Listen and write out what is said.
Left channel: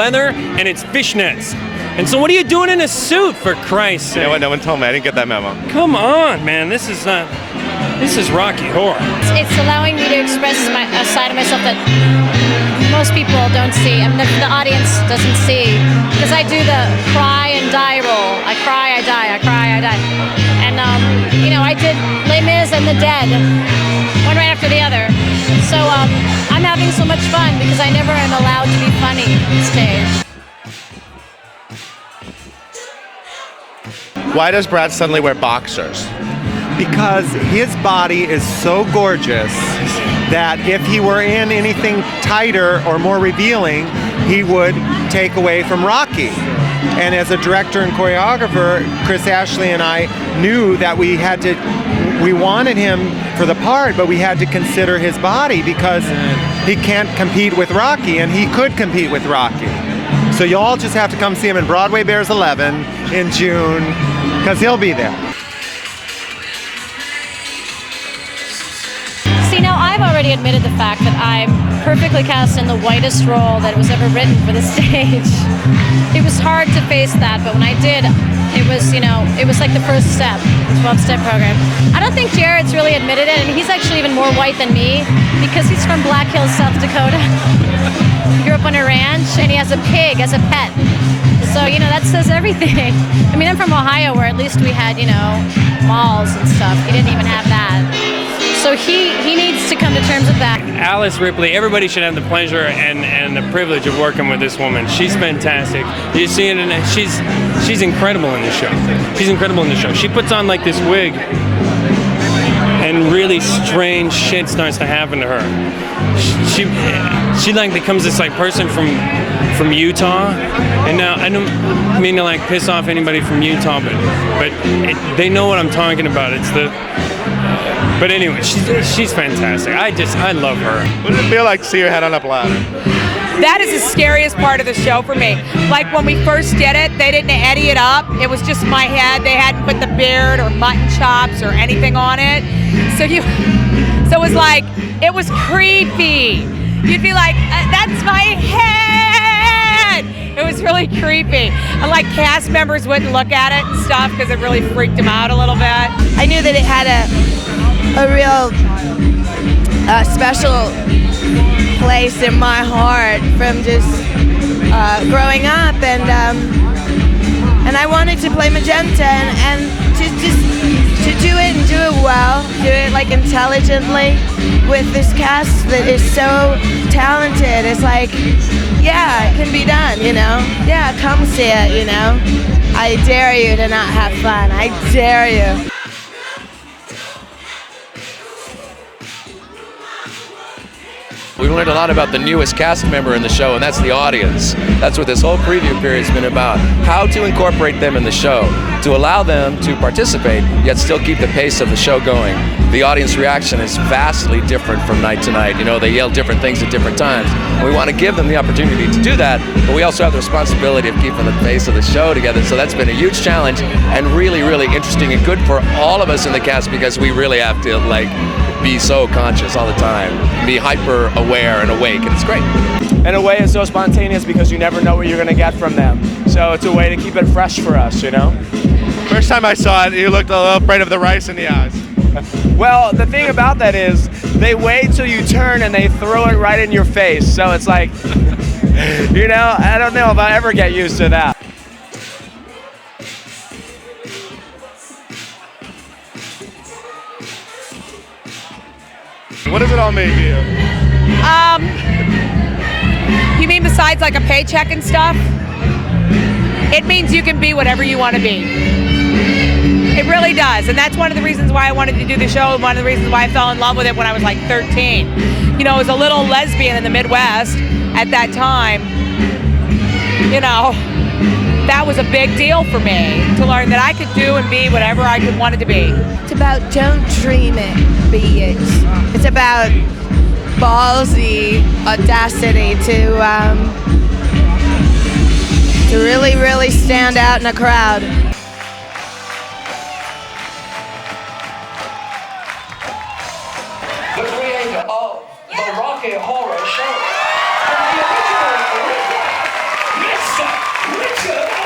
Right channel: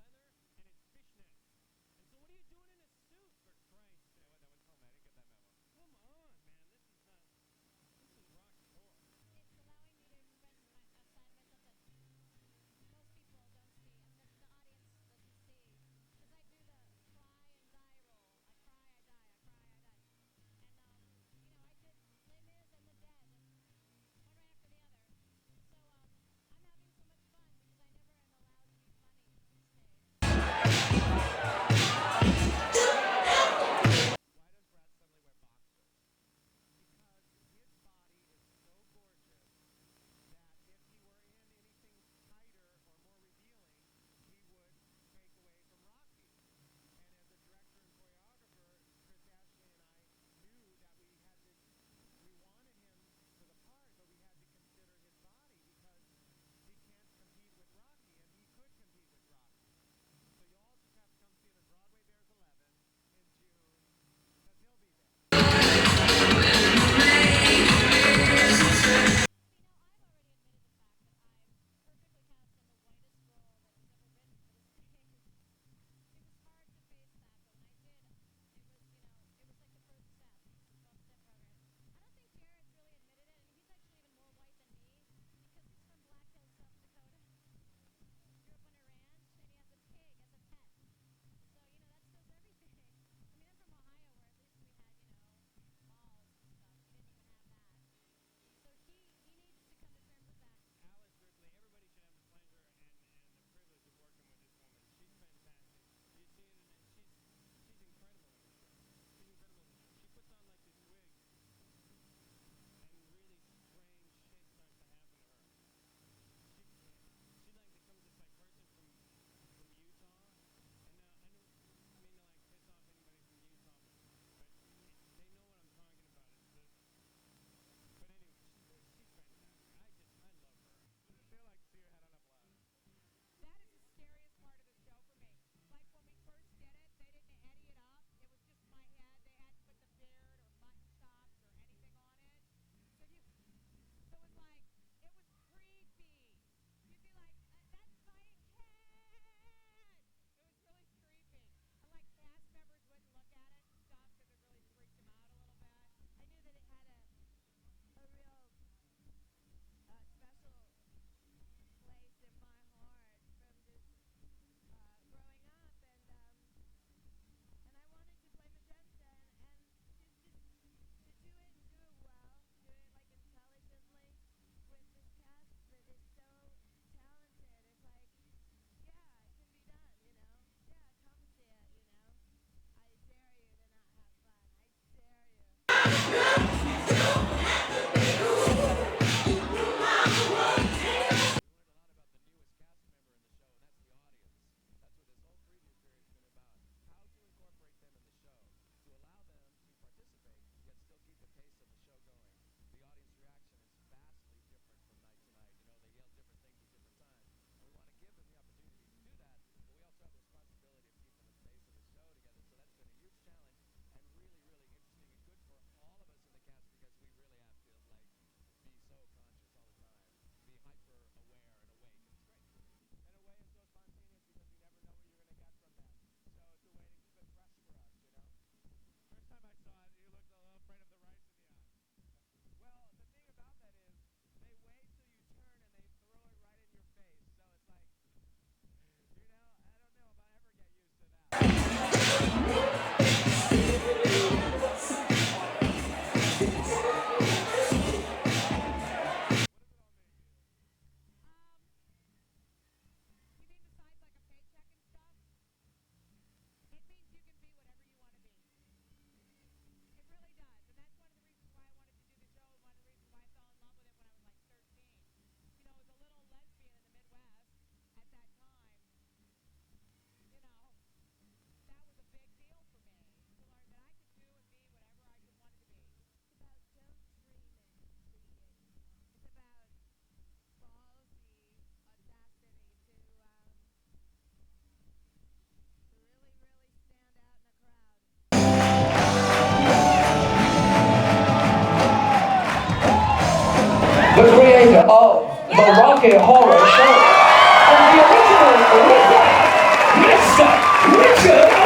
leather and it's fishnets. And so what are you doing in a suit, for Christ's sake? You know what? No one told me. I didn't get that memo. Come on, man. This is Rocky Horror. It's allowing me to express a side of myself that most people don't see. I mean, the audience doesn't see. Because I do the cry and die role. I cry, I die, I cry, I die. And, I did Les Mis and The Dead, one right after the other. So I'm having so much fun because I never am allowed to be funny on stage. Why does Brad suddenly wear boxers? Because his body is so gorgeous that if he were in anything tighter or more revealing, he would take away from Rocky. And as a director and choreographer, Chris Ashley and I knew that we wanted him for the part, but we had to consider his body because he can't compete with Rocky, and he could compete with Rocky. So you all just have to come see him in Broadway Bears 11 in June, because he'll be there. See, now I've already admitted the fact that I'm perfectly cast in the whitest role that was ever written for the stage. It was hard to face that, but when I did, it was like the first step, the 12-step program. I don't think Jarrod's really admitted it, and he's actually even more white than me because he's from Black Hills, South Dakota. He grew up on a ranch, and he has a pig as a pet. So, that says everything. I mean, I'm from Ohio, where at least we had, malls and stuff. He didn't even have that. So he needs to come to terms with that. Alice Ripley, everybody should have the pleasure and the privilege of working with this woman. She's fantastic. You see it, and she's incredible in the show. She's incredible in the show. She puts on like this wig, and really strange shit starts to happen to her. She like becomes this like person from Utah, and now I don't mean to like piss off anybody from Utah, but they know what I'm talking about. It's the but anyway, she's fantastic. I love her. What did it feel like to see her head on up ladder? That is the scariest part of the show for me. Like when we first did it, they didn't eddy it up. It was just my head. They hadn't put the beard or mutton chops or anything on it. So it was like, it was creepy. You'd be like, that's my head. It was really creepy. And like cast members wouldn't look at it and stuff because it really freaked them out a little bit. I knew that it had a real special place in my heart from just growing up, and I wanted to play Magenta and to do it and do it well, do it like intelligently with this cast that is so talented. It's like, yeah, it can be done, Yeah, come see it, I dare you to not have fun. I dare you. We learned a lot about the newest cast member in the show, and that's the audience. That's what this whole preview period's been about. How to incorporate them in the show, to allow them to participate, yet still keep the pace of the show going. The audience reaction is vastly different from night to night. They yell different things at different times. And we want to give them the opportunity to do that, but we also have the responsibility of keeping the pace of the show together. So that's been a huge challenge and really, really interesting and good for all of us in the cast because we really have to be so conscious all the time, be hyper aware and awake, and it's great. In a way, it's so spontaneous because you never know what you're going to get from them. So it's a way to keep it fresh for us, First time I saw it, you looked a little afraid of the rice in the eyes. Well, the thing about that is they wait till you turn and they throw it right in your face. So it's like, I don't know if I'll ever get used to that. What does it all mean to you? You mean besides like a paycheck and stuff? It means you can be whatever you want to be. It really does, and that's one of the reasons why I wanted to do the show, one of the reasons why I fell in love with it when I was like 13. I was a little lesbian in the Midwest at that time. That was a big deal for me to learn that I could do and be whatever I could want it to be. It's about don't dream it, be it. It's about ballsy audacity to really, really stand out in a crowd. The creator of the Rocky Horror Show and the original Riff, good.